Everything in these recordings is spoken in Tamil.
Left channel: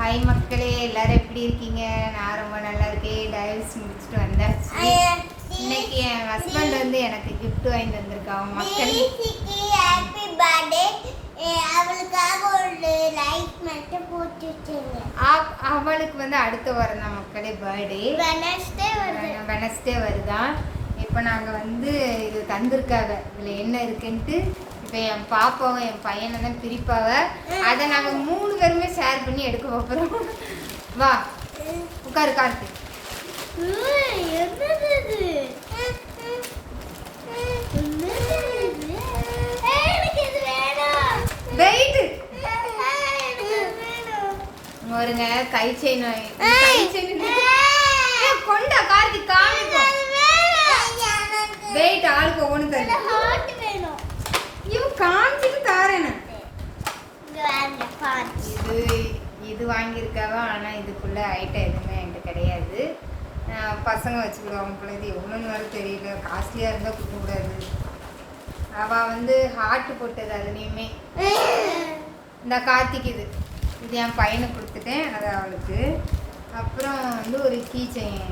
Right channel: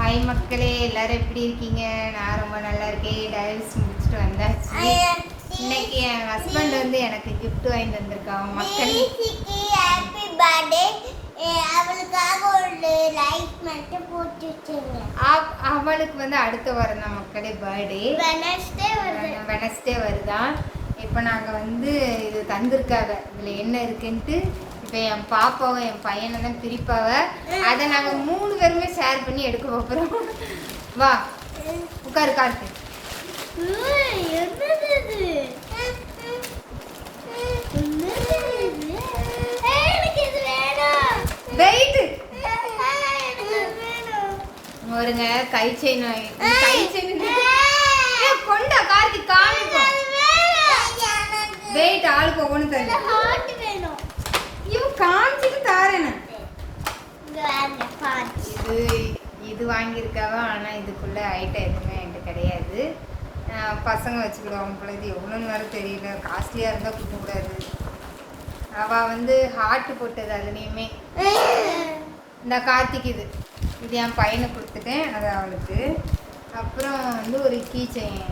ஹாய் மக்களே, எல்லாரும் எப்படி இருக்கீங்க? நான் ரொம்ப நல்லா இருக்கேன். டைவர்ஸ் முடிச்சுட்டு வந்தாச்சு. இன்னைக்கு என் ஹஸ்பண்ட் வந்து எனக்கு கிஃப்ட் வாங்கிட்டு வந்திருக்காங்க மக்களே. Happy birthday. அவளுக்காக ஒரு லைக் மட்டும் போட்டு வச்சிருங்க. அவளுக்கு வந்து அடுத்த வாரம் தான் மக்களே பர்த்டே. வெனஸ்டே வருதான். இப்போ நாங்கள் வந்து இது தந்திருக்காங்க. இதில் என்ன இருக்குன்ட்டு இப்போ என் பாப்பாவும் என் பையனை தான் பிரிப்பாவ. அதை நாங்கள் 3 பேருமே ஷேர் பண்ணி எடுக்க போகிறோம். வா உட்காரு காட்டு. ஒருங்க கை செயின் கொண்டா கார்த்தி காமிப்போம். வெயிட் ஆளுக்கு ஒவ்வொன்று தரேன். இவன் காமிச்சிட்டு தாரேன். இது வாங்கியிருக்காவா. ஆனால் இதுக்குள்ள ஐட்டம் எதுவுமே என்கிட்ட கிடையாது. பசங்க வச்சுக்கிடுவாங்க போல. இது எவ்வளோன்னு வேறு தெரியல. காஸ்ட்லியாக இருந்தால் கொடுக்கக்கூடாது. அவள் வந்து ஹார்ட் போட்டது அதுலேயுமே. இந்த கார்த்திக் இது என் பையனை கொடுத்துட்டேன். அது அவளுக்கு. அப்புறம் வந்து ஒரு கீ செயின்,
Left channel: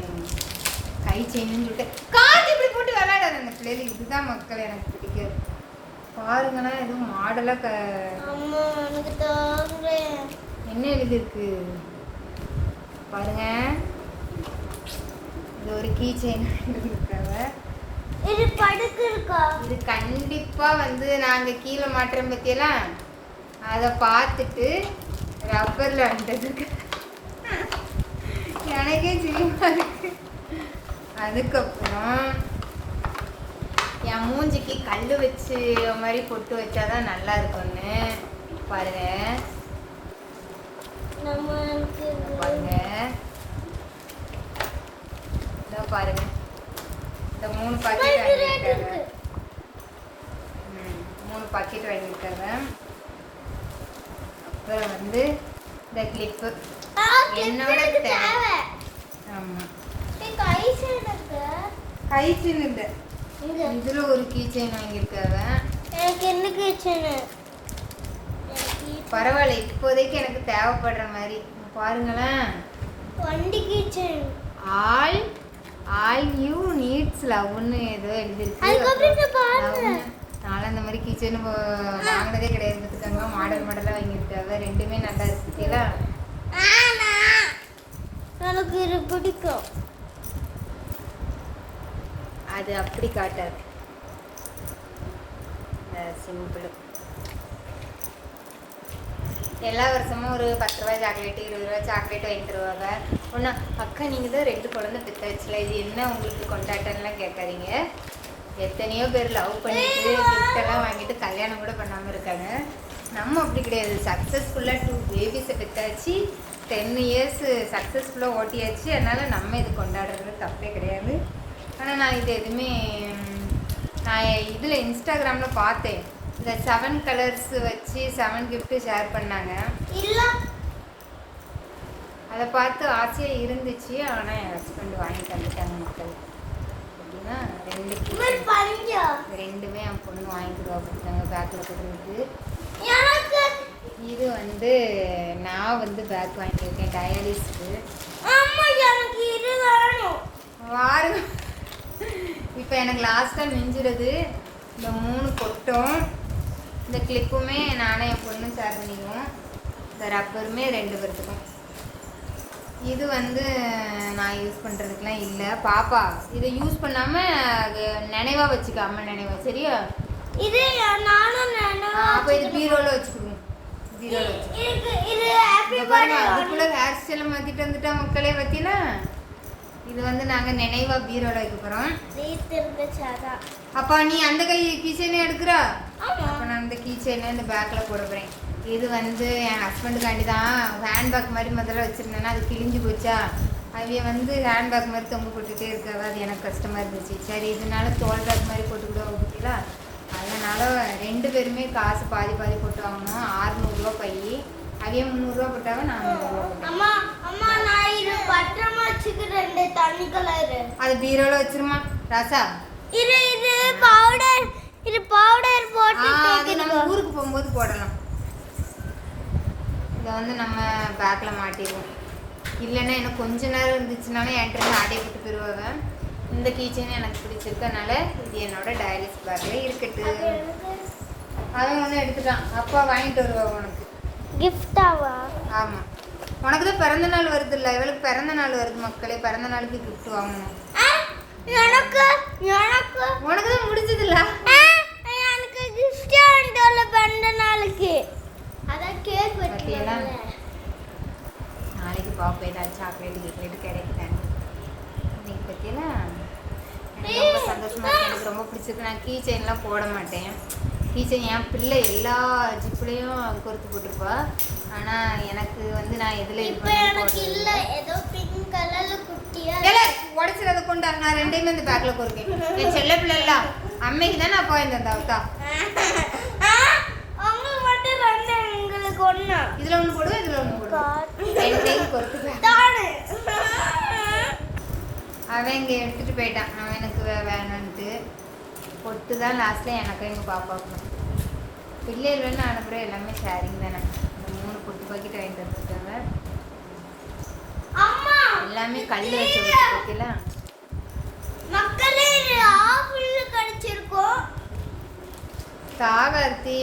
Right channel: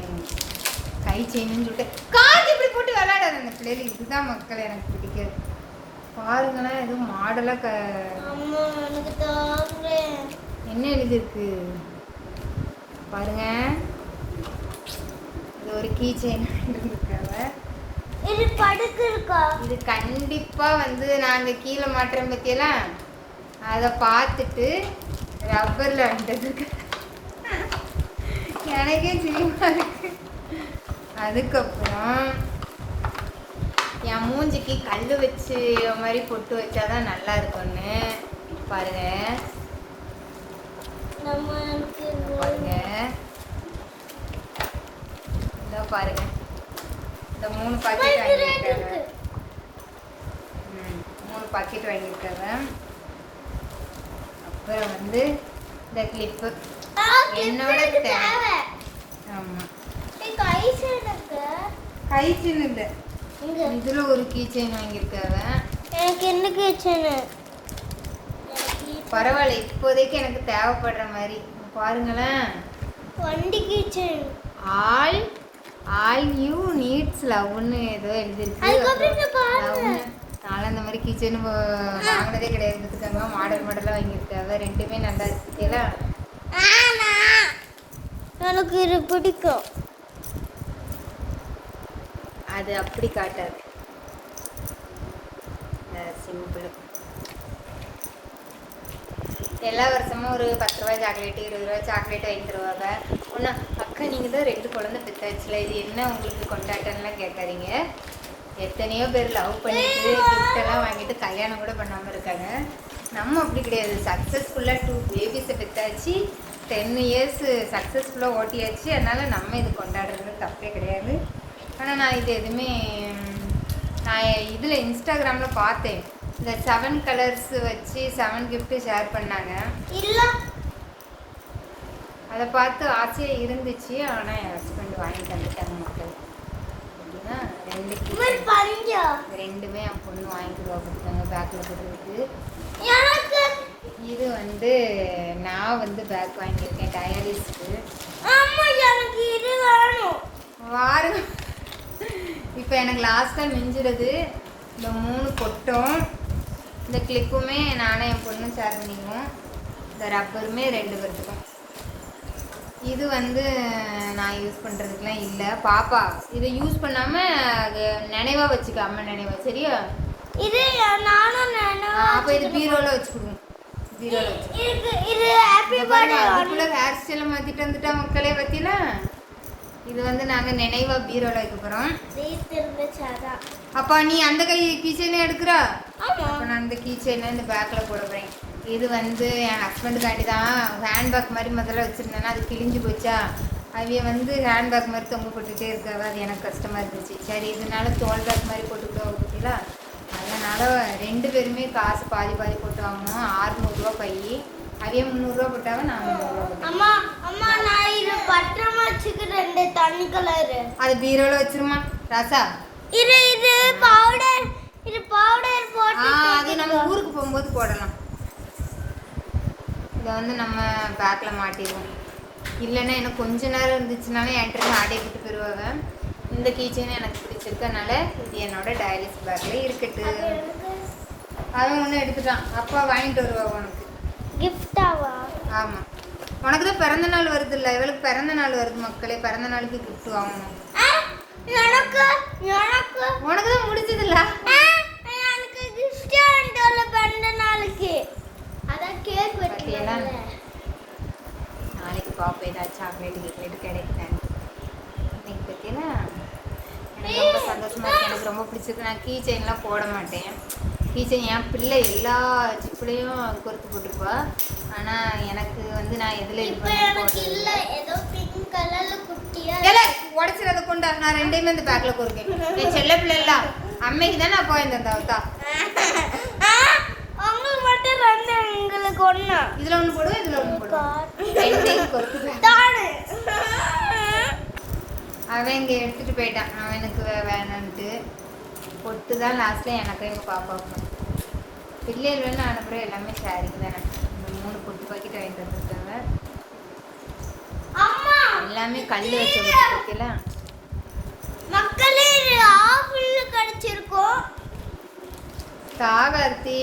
கை செயின்னு சொல்லிட்டு கார்த்தி இப்படி போட்டு விளையாடாது அந்த பிள்ளைகள். இதுதான் மக்கள் எனக்கு பிடிக்காது. பாருங்களேன், எதுவும் மாடலாக என்ன எழுதிருக்கு பாருங்க. இது ஒரு கீ செயின் இருக்காங்க. இது கண்டிப்பா வந்து நாங்க கீழே மாட்டுறோம் பத்தியெல்லாம் அதை பார்த்துட்டு ரப்பர்ல அண்டதுக்கு எனக்கே சின்னமா இருக்கு. அதுக்கப்புறம் என் மூஞ்சிக்கு கல் வச்சு மாதிரி பொட்டு வச்சாதான் நல்லா இருக்கும்னு பாருங்க. பாருங்க இதோ பாருங்க. இந்த 3 பாக்கெட் வாங்கியிருக்காங்க. 3 பாக்கெட் வாங்கியிருக்காங்க. அப்புறம் வந்து இந்த கிளிப்பு என்னோட தேவை. ஆமாம் கை செயின் இல்லை. இதுல ஒரு கீ செயின் வாங்கியிருக்காங்க. எனக்கு என்ன கீ செயின்? பரவாயில்ல, இப்போதைக்கு எனக்கு தேவைப்படுற மாதிரி. பாருங்களேன், வண்டி key chain. All you needs லவ்னு ஏதோ எழுதிருக்கு. நானும் அந்த மாதிரி கீ செயின் வாங்கினதே கிடையாது. பார்த்துக்காங்க, மாடலாக வாங்கியிருக்காங்க. ரெண்டுமே நல்லா இருக்குல்ல. எனக்கு இது பிடிக்கும். அது அப்படி காட்டாது, சிம்பிள். எல்லா வருஷமும் ஒரு 10 ரூபாய் சாக்லேட்டு, 20 ரூபாய் சாக்லேட் வாங்கி தருவாங்க. ஒன்றா அக்கா நீங்கள் தான் 2 குழந்தை பெற்றாச்சுல, இது என்ன உங்களுக்கு கொண்டாட்டம்லாம் கேட்காதீங்க. எத்தனையோ பேர் லவ் பண்ணிட்டு கிஃப்டெல்லாம் வாங்கிட்டு கல்யாணம் கூட பண்ணாமல் இருக்காங்க. நம்ம அப்படி கிடையாது. சக்ஸஸ்ஃபுல்லாக 2 பேபிஸை பெற்றாச்சு. 10 இயர்ஸ் சக்ஸஸ்ஃபுல்லாக ஓட்டியாச்சு. அதனால் நம்ம இது கொண்டாடுறது தப்பே கிடையாது. ஆனால் நான் இது எதுவுமே நான் இதில் இன்ஸ்டாகிராமில் பார்த்தேன். இந்த 7 கலர்ஸ் வச்சு 7 கிஃப்ட்டு ஷேர் பண்ணாங்க. அதை பார்த்து ஆசையாக இருந்துச்சு. ஆனால் என் ஹஸ்பண்ட் வாங்கி தந்துட்டாங்க மக்கள். அப்படின்னா 2 ரெண்டுமே என் பொண்ணு வாங்கிடுவா கொடுத்தாங்க பேக்கில் போடுறதுக்கு. இது வந்து நான் வந்து பேக் வாங்கியிருக்கேன் டயாலிஸ்க்கு. வாருங்க. இப்போ எனக்கு லாஸ்ட்டாக மிஞ்சிடுது இந்த 3 கொட்டும். இந்த கிளிப்புமே நானும் என் பொண்ணும் ஷேர் பண்ணிக்குவோம். இந்த ரப்பருமே 2 பேர்த்துக்கும். இது வந்து நான் யூஸ் பண்ணுறதுக்குலாம் இல்லை. பாப்பா இதை யூஸ் பண்ணாமல் நினைவாக வச்சுக்காம நினைவா சரியா? இது நானும் அப்போ இது பீரோவில் வச்சுக்கோங்க. பீரோவில் அதுக்குள்ளே ஹேர் ஸ்டைலை மாற்றிட்டு வந்துட்டா மக்களே பற்றில. இது வந்து நாங்கள் நினைவாக பீரோவில் வைக்க போகிறோம். அப்பா நீ அந்த கை கீ செயினே எடுக்கிறா. நான் இந்த கீ செயினை இந்த பேக்கில் போட போகிறேன். இது வந்து என் ஹஸ்பண்டுக்காண்டி தான். ஹேண்ட்பேக் மாதிரி முதல்ல வச்சுருந்தேன்னா அது கிழிஞ்சு போச்சா. அவைய வந்து ஹேண்ட்பேக் மாதிரி தொங்க போட்டுகிட்டே இருக்காது. அது எனக்கு கஷ்டமாக இருந்துச்சு. சரி இதனால தோல் பேக் மாதிரி போட்டுக்கிட்டோம் பார்த்தீங்களா. அதனால் 2 பேருமே காசு பாதி போட்டு வாங்கணும். 600 ரூபா பை. அதே 300 ரூபா போட்டாங்க. 400 ரூபா போட்டாங்க. அது பீரோல வச்சிருமா ராசா. அது நம்ம ஊருக்கு போகும்போது போடலாம். இதை வந்து நம்ம பேக்கில் மாட்டிடுவோம். இல்லைன்னா எனக்கு கொஞ்ச நேரம் இருந்துச்சுனாலும் என்கிட்ட ஆடையை விட்டு போயிடுவாங்க. இந்த கீச்சைன்னு எனக்கு பிடிச்சிருக்கனால இது என்னோட டயலிஸ் பேக்கில் இருக்கட்டும். அவன் ஒன்று எடுத்துட்டான். அப்பா வாங்கிட்டு வருவா உனக்கு கிஃப்டாவா? ஆமாம், உனக்கு தான் பிறந்த நாள் வருது இல்லை? இவளுக்கு பிறந்த நாள் வருது மக்களே. பிறந்த நாளுக்கு கிஃப்ட் வாங்கணும். எனக்கு எனக்கு உனக்கு தான் முடிஞ்சதில்ல. எனக்கு கிஃப்ட் ஆண்டோல பிறந்த நாளுக்கு அதான் கேக் வெட்டலாம். நாளைக்கு பாப்பா ஏதாச்சும் சாக்லேட் கிஃப்ட் கிடைக்குதாங்க இன்னைக்கு பற்றியெல்லாம் எனக்கு ரொம்ப சந்தோஷமாக இருக்குது. எனக்கு ரொம்ப பிடிச்சிருக்கு. நான் கீ செயின்லாம் போட மாட்டேன். கீ செயின் என் பிள்ளை எல்லா ஜிப்புலையும் கொறுத்து போட்டிருப்பா. ஆனால் எனக்கு வந்து நான் எதில் இது பண்ணி போடுறது ஏதோ பிங்க் கலர்ல குட்டியா உடச்சி அதை கொண்டா. நான் ரெண்டையுமே இந்த பேக்கில் கொறுக்கேன். என் செல்ல பிள்ளைலாம் அம்மைக்கு தான் நான் போயிருந்தேன். தவிர்த்தா அவங்க மட்டும் ரெண்டு எங்களுக்கு ஒண்ணா இதில் ஒன்று போடுவேன், இதில் ஒன்று போடுவேன். ரெண்டையும் கொறுத்துப்பேன். அவன் இங்கே எடுத்துகிட்டு போயிட்டான். அவன் எனக்கு வேணுன்ட்டு பொட்டு தான் லாஸ்ட்டில் எனக்கும் எங்கள் பாப்பாவுக்கும். பிள்ளைகள்னு அனுப்புகிற எல்லாமே ஷேரிங் தானே. இந்த 3 பொட்டு பாக்கெட் வாங்கிட்டு வந்துருக்காங்க. எல்லாமே கல் வச்ச பொட்டு பாக்கெல்லாம் மக்களே ஆப்பிள் கிடைச்சிருக்கோம். காகார்த்தி